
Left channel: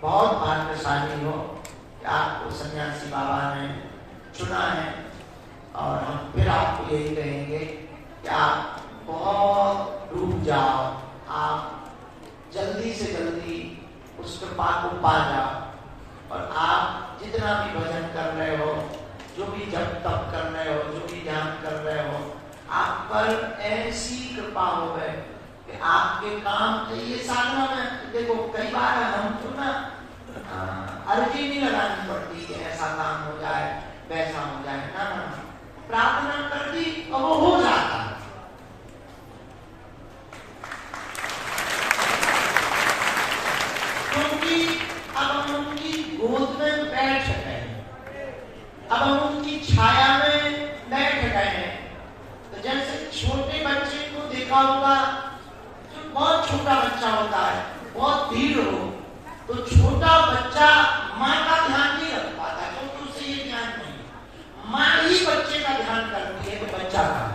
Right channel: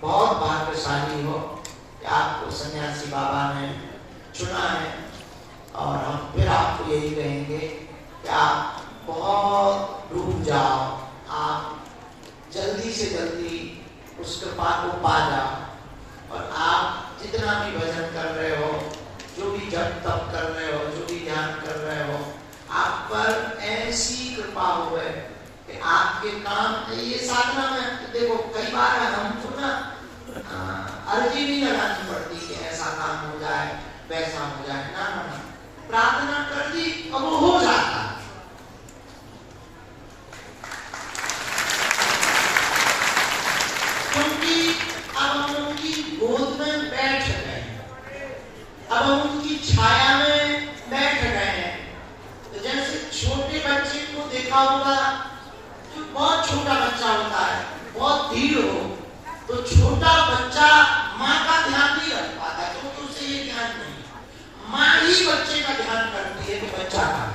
बहुत भाग्यशाली हो कि आपको सन्यासी बाबा ने चुना है, और हम फिर आपको यही कहेंगे कि आप बहुत डूब जाओ, आप जल्दी से जल्दी उस कृपा को पा जाओ, और आप जितना भी भजन कर रहे हो, जो भी जप तप कर रहे हो, जो भी ध्यान कर रहे हो, आप पर ऐसी कृपा हो है कि आपके काम, ये साधना में देखो कई बार हमको ना अर्जी नहीं लगानी पड़ती कि ऐसा काम हो जाए, वैसा हो जाए, ना ना, प्रार्थना कर दी और वो हो जाता है। क्योंकि अब हम उनकी गोद में बैठ गए हैं, अब हम उनकी छाया में बैठ गए हैं। तो जैसे छोटे बच्चे को देखा होगा, जो बहुत छोटा बच्चा होता है, बहुत धीर हो, तो छोटा बच्चा माँ का ध्यान नहीं रख पाता, क्योंकि उसे ये ध्यान नहीं, माँ ही बच्चे का ध्यान करती है कि बच्चा का।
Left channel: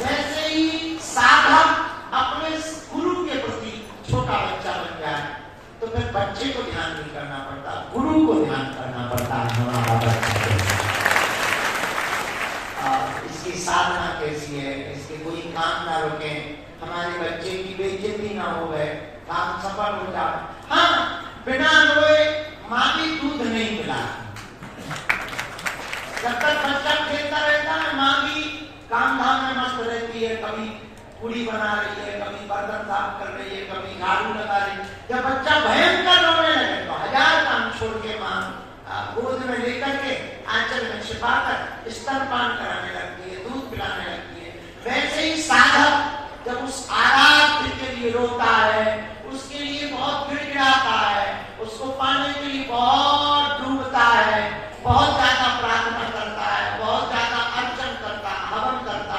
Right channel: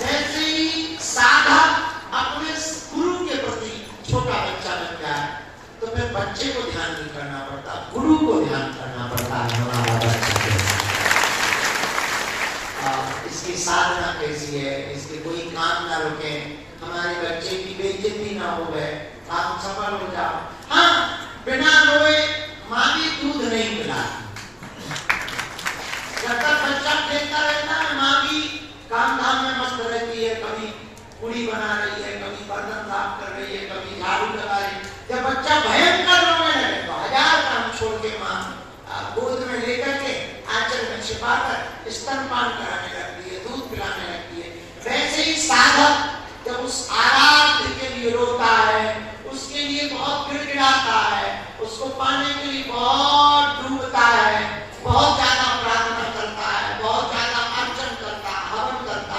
वैसे ही साधक अपने गुरु के प्रति छोटा बच्चा बन गया, तो फिर बच्चे को ध्यान नहीं करना पड़ता, गुरु को ध्यान करना पड़ता है हमारा बच्चा। इसकी साधना कैसी है, इसके कोई काम ना रुके, हमारे बच्चे की बेइज्जती ना हो गए, आप सफल हो जाओ। हाँ, बिना रोए माँ भी दूध नहीं मिला, जब तक बच्चा खेलता रहता है, माँ भी काम धाम में मस्त रहती है, कभी पूरी बना रही है, कभी बर्तन साफ कर रही है, कभी झाड़ू लगा रही है। जब बच्चा भयंकर रोने लगे तो 1000 काम छोड़ के माँ गोद में लेकर के आंचल में छिपाकर स्तनपान कराने लगती है, दूध पिलाने लगती है। वैसे ही साधक जब उस आराध्य के लिए रोता है, उसके लिए बहुत गिड़गिड़ाता है, उसको पाने के लिए बहुत डूबता है, बहुत ज्यादा प्रार्थना करता है, बहुत ज्यादा अर्चन करता, हवन करता,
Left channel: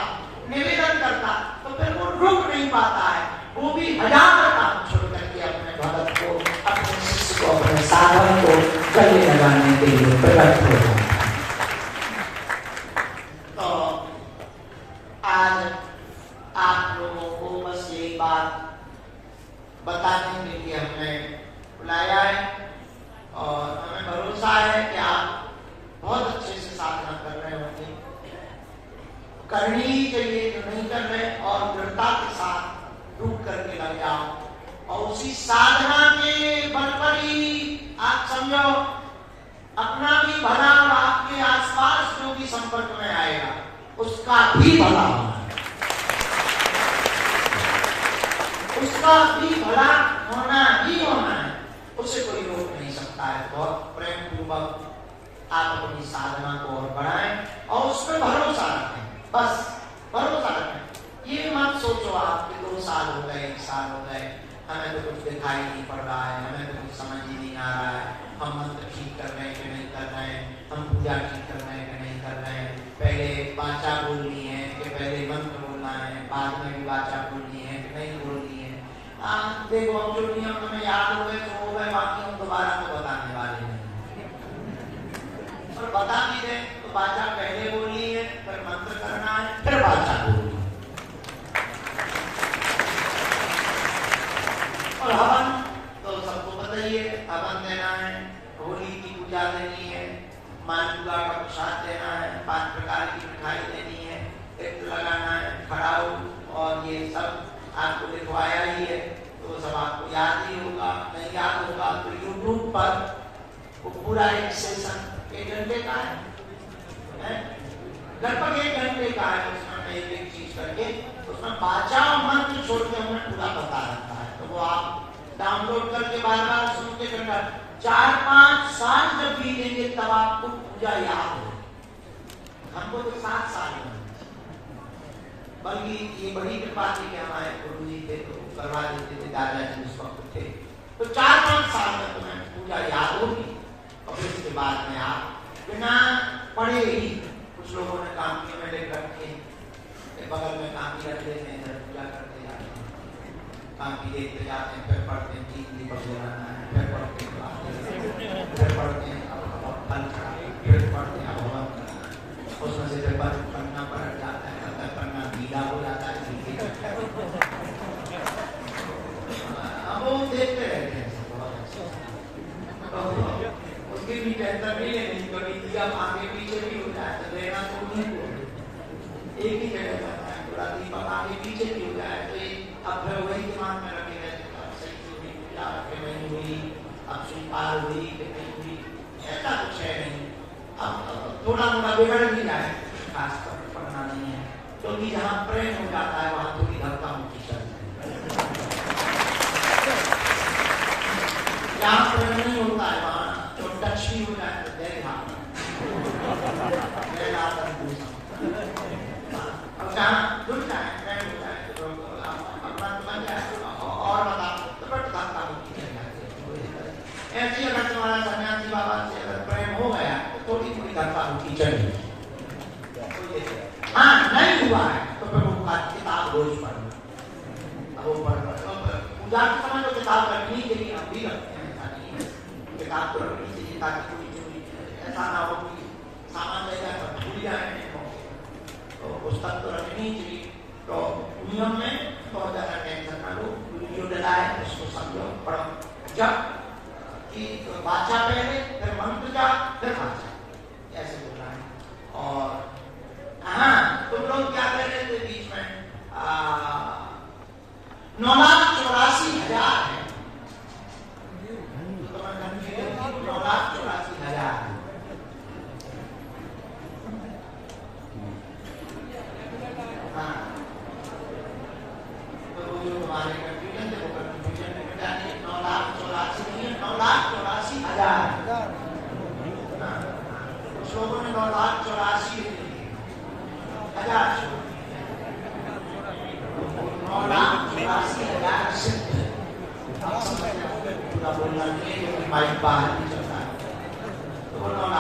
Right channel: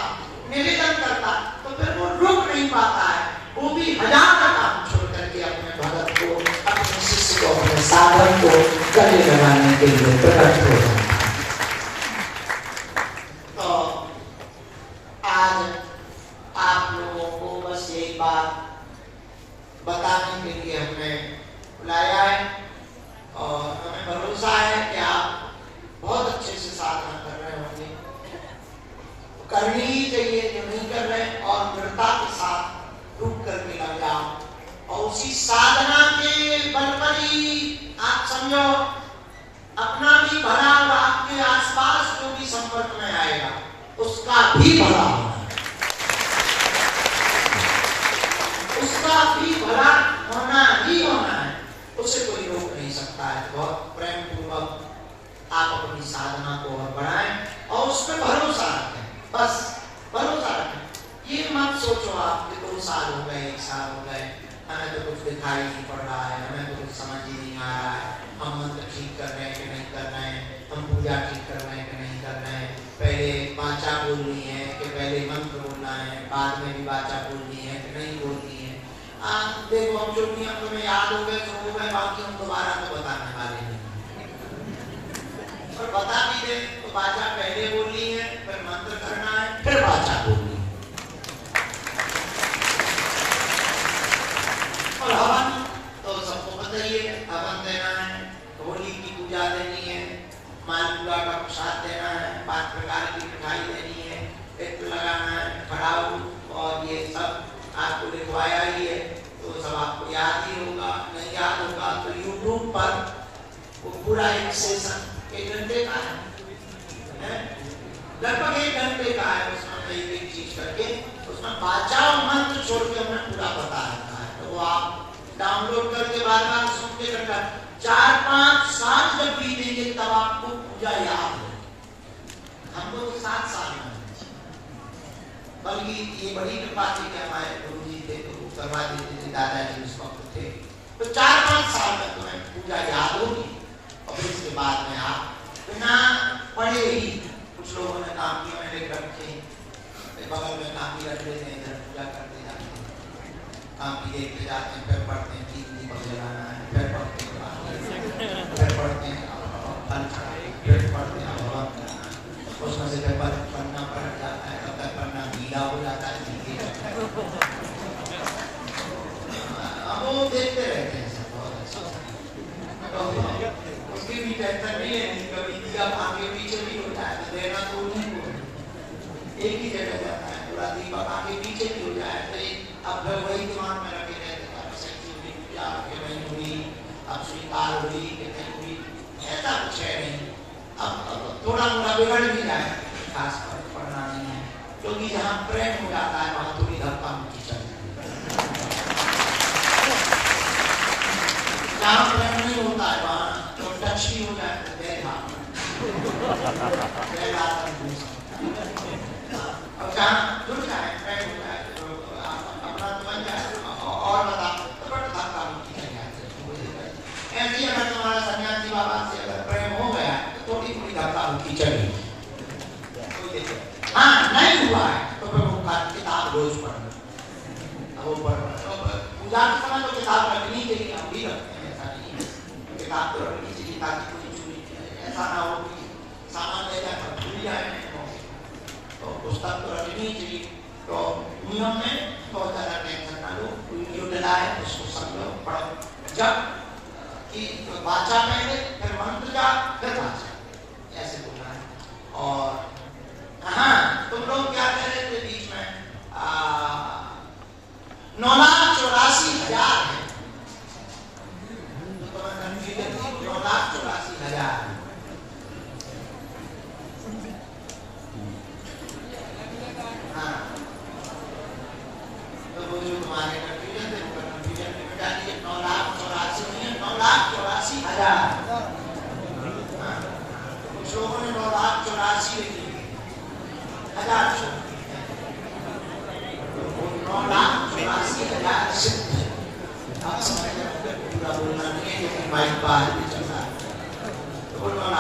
निवेदन करता, तो फिर वो रुक नहीं पाता है, वो भी 1000 काम छोड़ करके अपने भगत को, अपने शिष्य को, अपने साधक को गले लगाने के लिए प्रकट हो जाता है। तो आज आप लोगों को बस यही बात बताने के लिए हमने बुलाया है, और हमें भरोसा है कि आप बहुत अच्छे से साधना कर रहे होंगे, करनी ही चाहिए, जो नहीं कर रहे और दृढ़ता के साथ रुक करके लग जाओ और उसी साधना के बल पर ही आप समझो अपना भी भला और आपके आसपास जो भी संपर्क में आएगा उसका भी भला होना है, उसका भी भला होना ही होना है, उसे कोई रोक नहीं सकता है। बहुत प्रेम पूर्वक आप अपनी साधना को और बढ़ाएं और उस पर भरोसा रखें, बस भरोसा रखें। ये मत सोचो आप कि 2 साल हो गए, 1 साल हो गए, हमें तो कुछ दिखाई नहीं पड़ रहा है, हमें तो कुछ समझ ही नहीं आ रहा है, हम मंत्र ठीक कर रहे हैं कि नहीं कर रहे हैं, हम पूजा ठीक कर रहे हैं कि नहीं कर रहे हैं, पहले वाचा बोलनी है कि पहले मंत्र बोलना है, बाद में भी वाचा बोलनी है कि नहीं बोलनी है। देखो जो नियम तुम्हें याद हो गए तो हो गए, बाकी हम दोबारा तो बताने वाले नहीं, और बता भी दे तो वाचा पहले बोलनी है, फिर मंत्र करना है, फिर वाचा बोलनी है। और हवन तो सबको पता ही है, हवन देना है, होली की पूजा देनी है, मालपुआ का प्रसाद देना है, 5 प्रकार की मिठाई देनी है, टिक लगाना है, खड़ाऊ और ये सब आपको लिखवाया ही है, तो सब आपको याद ही होगा। नहीं याद होगा तो यूट्यूब पर वो पूरा एक सेशन 1 घंटे का है, लगभग 1 घंटे का है, उसमें एक चीज करके उसमें वाचा और मंत्र छोड़ के हमने पूरा बता रखा है, तो वो आप डाउनलोड करके बार-बार सुनते रहना। 4-5 साल जब बीतेंगे तब आपको पूजा याद हो। हमको तो 7 साल में, बल्कि ये बड़ी कृपा थी कि हमारे गुरु जी थे तो करवा देते थे, दादाजी उस वक्त थे, तो 4-5 साल में तुम्हें पूजा याद होगी। और इसके बाद में आप बिना पढ़े ही, कुछ लोगों ने काम किया, मैंने रखे बगल में काम की रख लेते हैं, इधर पूजा करते जाते हैं, काम की देखते जाते हैं, फिर पढ़ते हैं ठीक नहीं बजाना है, फिर पढ़ते हैं, फिर पढ़ते हैं फल चढ़ाए, फिर पढ़ते हैं हवन करना है, उसमें से फिर पढ़ना पलट जाता है, तब तक पढ़ना गीला हो जाता है, अब वो देखते रहते हैं बहुत अच्छा, उसकी भी बेहतर नहीं है, कभी दिया आगे पीछे भी हो जाए तो देना तो ठीक हो, एक ही जगह जाता है, पूरा दीपक आगे पीछे भी हो जाए तो अब फिर वही दिमाग में रखे रहते हैं, सही हुई पूजा कि नहीं हुई, अब स्वीकार हुई कि नहीं हुई, ऐसा कुछ है नहीं। अब थोड़ा मोड़ा बिगड़ भी जाए, खास पर पढ़ना नहीं है, क्योंकि जहाँ प्रेम हो जाता है वहाँ थोड़ी धक्का मुक्की चल जाती है, जहाँ प्रेम नहीं होता है वहाँ तो टच भी हो जाए तो जहाँ जुड़ जाए, प्रेम हो जाए तो अपना समझ जाए और बता तो धक्का मुक्की चल जाती है। ऐसे ही अगर तुम्हारा सन्यासी बाबा से अगर प्रेम हो गया तो थोड़ी थोड़ी धक्का मुक्की चली, हाँ नहीं हुआ है तो फिर वो किताब रोज पढ़ना, वो पूजा के समय तो किताब रखनी चाहिए, हम भी रखते हैं, ऐसा नहीं है, किताब तो रखनी चाहिए ताकि कोई चोरी ऐसा ना हो कि सामान ले जाकर भूल जाए, तो पुस्तक तो रखनी चाहिए। तो नियम में बहुत ज्यादा टेंशन ना लो, वीडियो डलाए उसको समझो, पढ़ो, जब कि वाचा पहले फिर मंत्र जा फिर वाचा, ऐसे बोला है। और हाँ तुम लोग क्या कर रहे थे बीच में 9,84,000 है, तो तुम्हारा कंफ्यूजन 9,84,000 तुम्हारे कंफ्यूजन थे, कंफ्यूजन में बता दिए 9,84,000 नहीं है, 9,84,000। कुछ लोगों ने 9,84,000 लिख दिए, 9,84,000 सिद्ध। अब समझ जाओगे पूरा बोलना नहीं है, क्योंकि माइक बाहर नहीं चल रहा है, तो 9,84,000